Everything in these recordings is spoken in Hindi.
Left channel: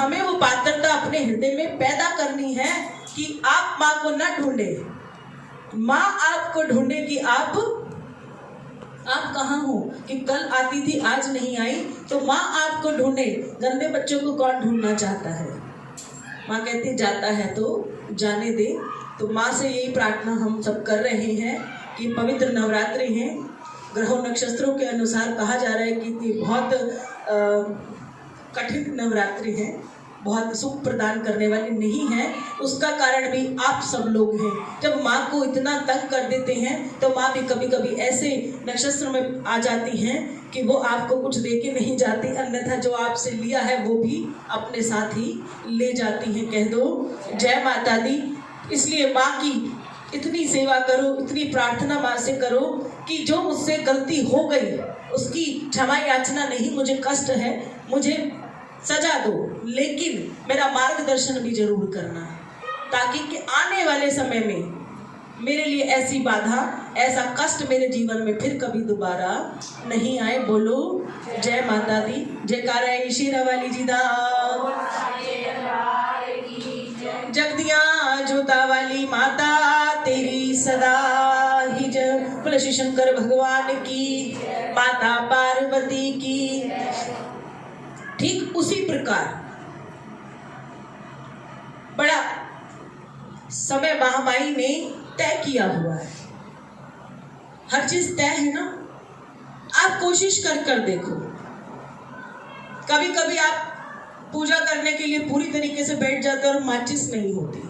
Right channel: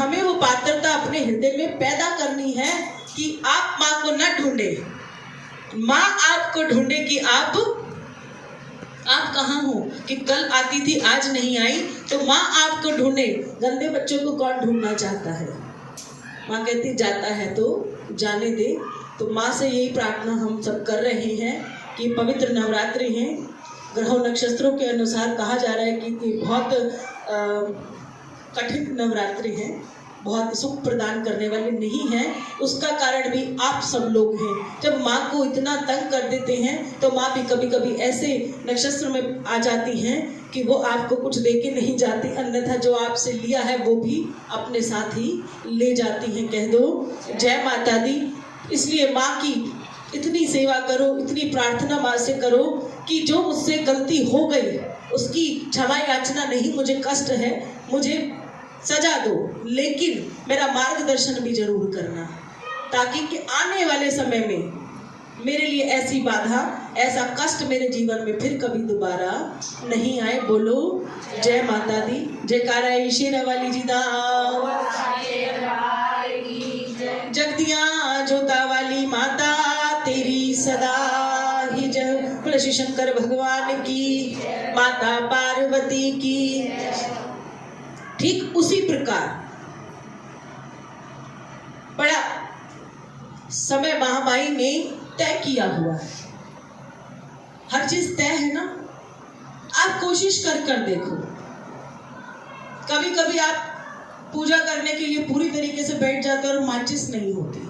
हमें वो पात्रता अपने हृदय में पैदा करनी है कि आप माँ को न ढूंढे, माँ आपको ढूंढे कि आप कहाँ हो, कि कल आती थी आज नहीं आई, तो माँ आपको ढूंढे। गंदे बच्चों को कौन ढूंढना चाहता है? माँ कहती जाता है तो जाने दे। तो माँ से यही प्रार्थना हम सब कर रहे हैं कि पवित्र नवरात्रि हैं, ग्रहों नक्षत्रों के अनुसार कहा जा रहा है कि बहुत कठिन नवरात्रि है, बहुत सुख प्रदान करने वाले नहीं हैं। उसका कारण भी आप सब लोग हैं। जब माँ को इतना तंग कर देते हैं तो माँ भी कभी कभी ऐसे नक्षत्र में आ जाती हैं कि वो आपको कुछ दे के नहीं जाती, अन्यथा जो आपसे लिया है वो भी अपने साथ ही ले जाती हैं। कह दो जय माता दी। इसलिए माँ की इतनी सेवा करो, इतनी प्रार्थना माँ से करो कि जो मुझसे गलती हो गई उसकी क्षमा याचना नहीं, मुझे कष्ट है, मुझे सजा दो, लेकिन मेरा मार्गदर्शन भी जरूर करना, ताकि कि आने वाले समय में मेरे लिए ऐसी बाधा, ऐसा कष्ट मेरे जीवन में फिर कभी दोबारा नहीं आए। बोलो जय माता दी। जयकारा है शेरा वाली जी दा, जगदियां जोता वाली माता तेरी सदा ही जय। श्री शंकर भगवान की, माता पार्वती की। ठीक उसी प्रकार बड़ा समय महामाई ने तय किया हुआ है। हर चीज तय है ना। आप कोशिश कर देखो। कभी कभी आप पूजा करने के लिए पूरी तरीके से बैठ जाते हो और माचिस नहीं होती,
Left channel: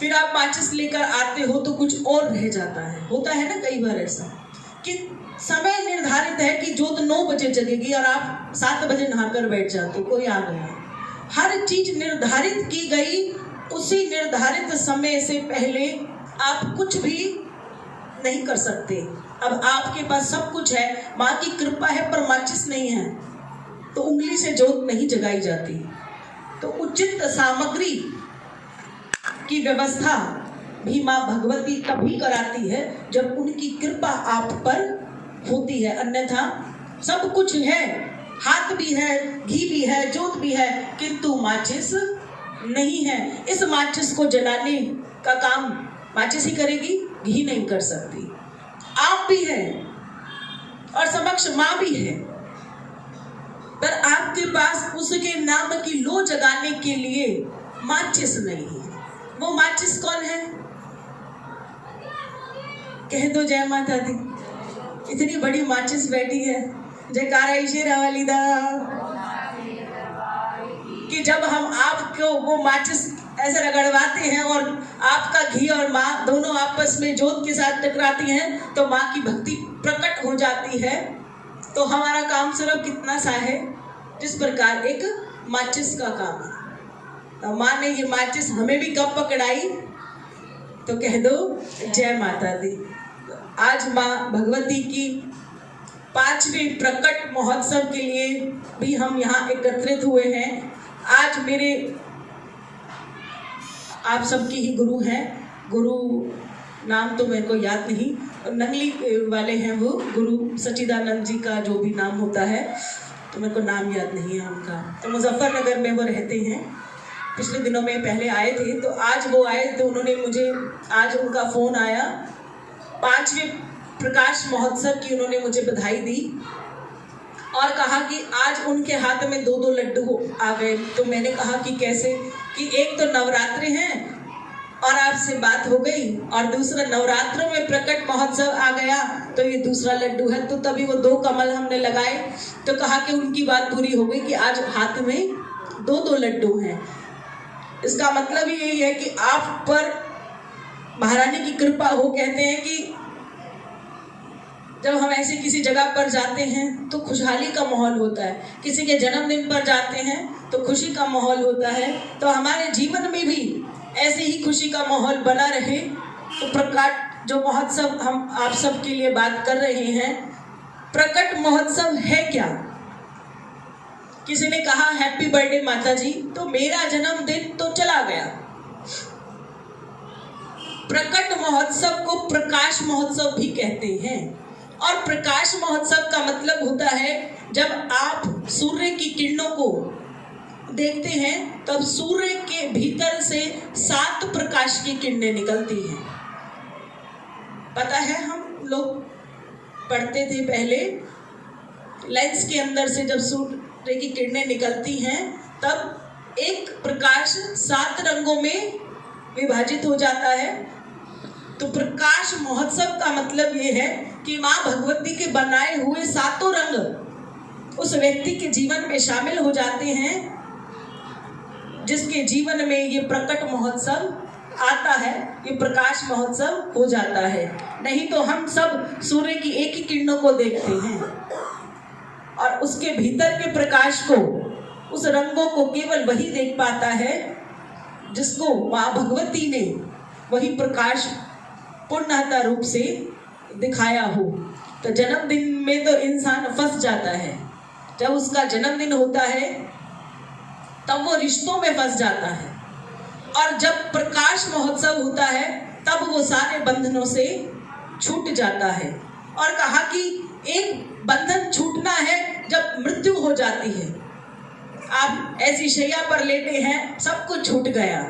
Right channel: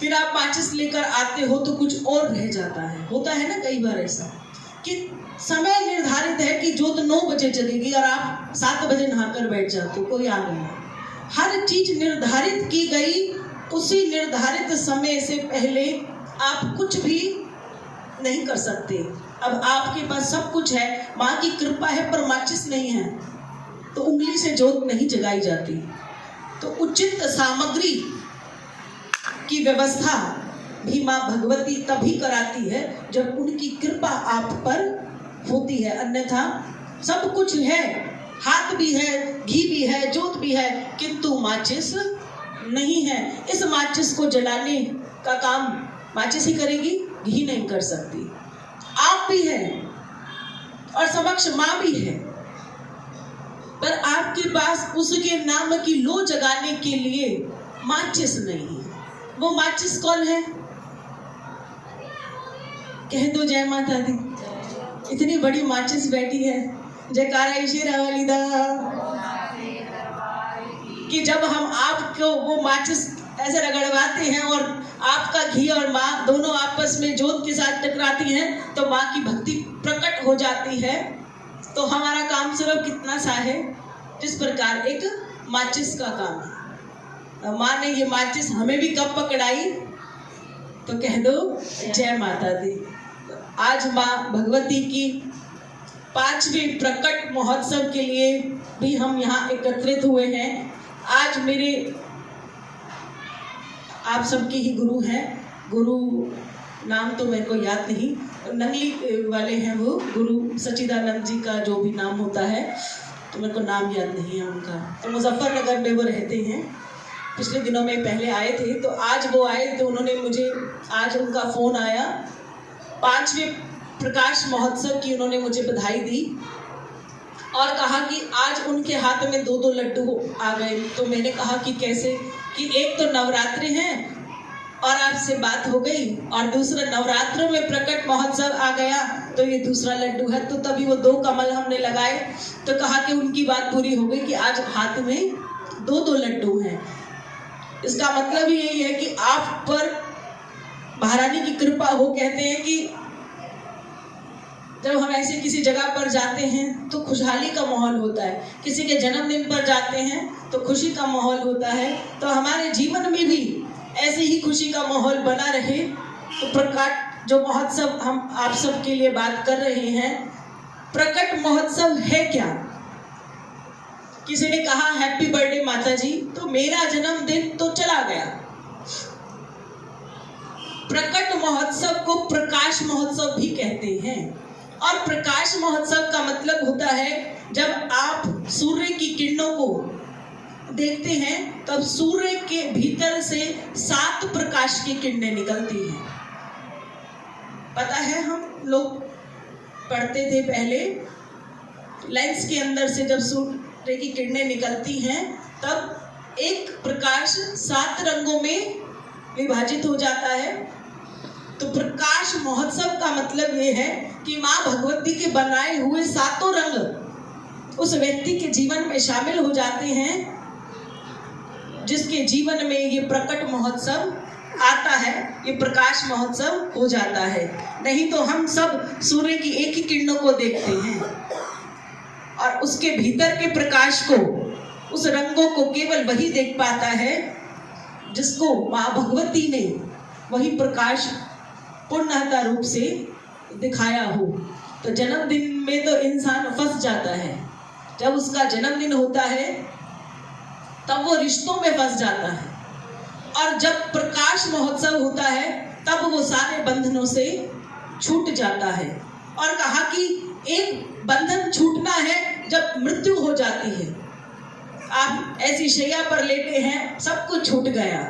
फिर आप माचिस लेकर आते हो तो कुछ और रह जाता है। होता है ना कई बार ऐसा कि समय निर्धारित है कि जोत 9 बजे जलेगी और आप 7 बजे नहाकर बैठ जाते हो, कोई आ गया। हर चीज निर्धारित की गई, उसी निर्धारित समय से पहले आप कुछ भी नहीं कर सकते। अब आपके पास सब कुछ है, माँ की कृपा है, पर माचिस नहीं है तो उंगली से जोत नहीं जगाई जाती। तो उचित सामग्री की व्यवस्था भी माँ भगवती तभी कराती है जब उनकी कृपा आप पर होती है, अन्यथा सब कुछ है, हाथ भी है, घी भी है, जोत भी है, किंतु माचिस नहीं है। इस माचिस को जलाने का काम माचिस ही करेगी, घी नहीं कर सकती। आप भी हैं और समक्ष माँ भी है, पर आपके पास उसके नाम की लो जगाने के लिए माचिस नहीं है। वो माचिस कौन है? कह दो जय माता दी। इतनी बड़ी माचिस बैठी है, जयकारा ईशेरा वाली दा, कि जब हम आपको वो माचिस ऐसे रगड़वाते हैं और आपका घी और माँ दोनों आपस में जोत के साथ टकराती हैं तो माँ की भक्ति प्रकट हो जाती है। तो हमारा काम सिर्फ कितना सा है, जिस प्रकार एक माचिस का काम है। माँ ने ये माचिस हमें भी कब पकड़ाई, तो कह दो जय माता दी। आज माँ भगवती की 5वें प्रकट महोत्सव के लिए भी हम यहाँ एकत्रित हुए हैं। आज मेरे आप सबकी ही गुरु हैं, गुरु नाम तो मेरे को याद नहीं, नंगली वाले हैं वो गुरु सच्चिदानंद जी का जो भी नाम होता है, तो मेरे को नाम याद नहीं है उनका। तो मुजफ्फरनगर में वो रहते हैं। पिछले दिनों में पहले आए थे, तो आज वो आए तो उन्होंने मुझे, आज उनका फ़ोन आया, 5वें प्रकाश महोत्सव की उन्होंने मुझे बधाई दी और कहा कि आज उनके हाथ में 2-2 लड्डू आ गए। तो मैंने कहा कि कैसे, कि एक तो नवरात्रि हैं और आपसे बात हो गई, और दूसरा नवरात्र में प्रकट महोत्सव आ गया तो ये दूसरा लड्डू है। तो तभी वो 2 कमल हमने लगाए, तो कहा कि उनकी बात पूरी हो गई कि आज हाथ में 2-2 लड्डू हैं। इसका मतलब ही यही है कि आप पर महारानी की कृपा हो। कहते हैं कि जब हम ऐसे किसी जगह पर जाते हैं तो खुशहाली का माहौल होता है, किसी के जन्मदिन पर जाते हैं तो खुशी का माहौल होता है। तो हमारे जीवन में भी ऐसे ही खुशी का माहौल बना रहे। तो प्रकट जो महोत्सव हम आप सब के लिए बात कर रहे हैं, प्रकट महोत्सव है क्या? किसी ने कहा हैप्पी बर्थडे माता जी, तो मेरा जन्मदिन तो चला गया। प्रकट महोत्सव को प्रकाश महोत्सव भी कहते हैं, और प्रकाश महोत्सव का मतलब होता है जब आप सूर्य की किरणों को देखते हैं तो अब सूर्य के भीतर से 7 प्रकाश की किरणें निकलती हैं। पता है, हम लोग पढ़ते थे पहले, लेंस के अंदर से जब सूर्य की किरणें निकलती हैं तब एक प्रकाश 7 रंगों में विभाजित हो जाता है। तो प्रकाश महोत्सव का मतलब ये है कि माँ भगवती के बनाए हुए 7 रंग उस व्यक्ति के जीवन में शामिल हो जाते हैं, जिसके जीवन में ये प्रकट महोत्सव आता है, ये प्रकाश महोत्सव हो जाता है। नहीं तो हम सब सूर्य की एक ही किरणों को देखते हैं और उसके भीतर के प्रकाश को, उस रंगों को केवल वही देख पाता है जिसको माँ भगवती ने वही प्रकाश पूर्णतः रूप से दिखाया हो। तो जन्मदिन में तो इंसान फंस जाता है। जब उसका जन्मदिन होता है तब वो रिश्तों में फंस जाता है, और जब प्रकाश महोत्सव होता है तब वो सारे बंधनों से छूट जाता है। और कहा कि एक बंधन छूटना है जब मृत्यु हो जाती है। आप ऐसी शैया पर लेटे हैं, सब कुछ छूट गया,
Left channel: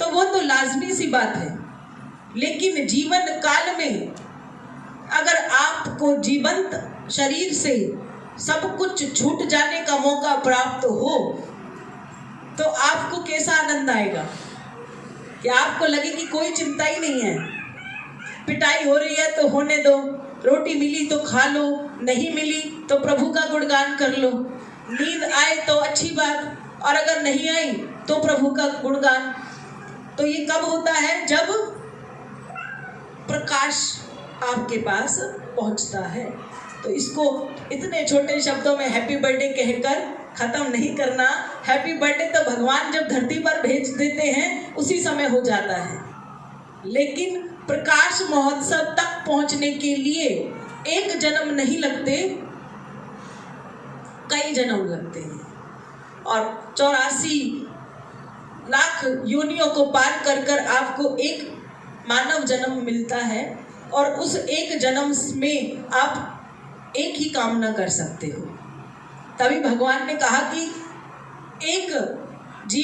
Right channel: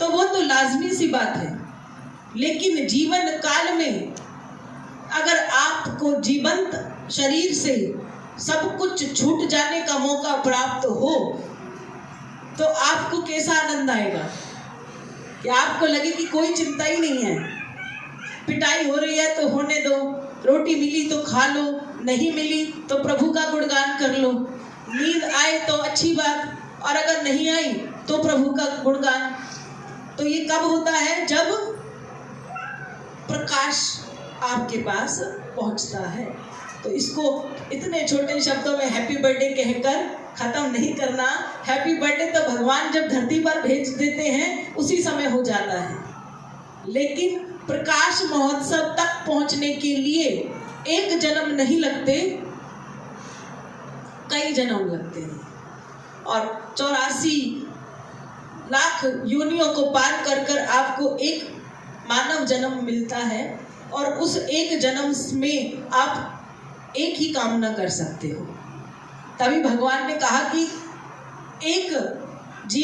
तो वो तो लाजमी सी बात है। लेकिन जीवन काल में अगर आपको जीवंत शरीर से सब कुछ छूट जाने का मौका प्राप्त हो तो आपको कैसा आनंद आएगा कि आपको लगे कि कोई चिंता ही नहीं है। पिटाई हो रही है तो होने दो, रोटी मिली तो खा लो, नहीं मिली तो प्रभु का गुणगान कर लो, नींद आए तो अच्छी बात, और अगर नहीं आई तो प्रभु का गुणगान। तो ये कब होता है? जब प्रकाश आपके पास पहुंचता है। तो इसको इतने छोटे शब्दों में हैप्पी बर्थडे कहकर खत्म नहीं करना। हैप्पी बर्थडे तो भगवान जब धरती पर भेज देते हैं उसी समय हो जाता है, लेकिन प्रकाश महोत्सव तक पहुंचने के लिए एक जन्म नहीं लगते, कई जन्म लगते हैं। और 84 लाख योनियों को पार कर कर आपको एक मानव जन्म मिलता है, और उस एक जन्म में आप एक ही कामना कर सकते हो। तभी भगवान ने कहा कि एक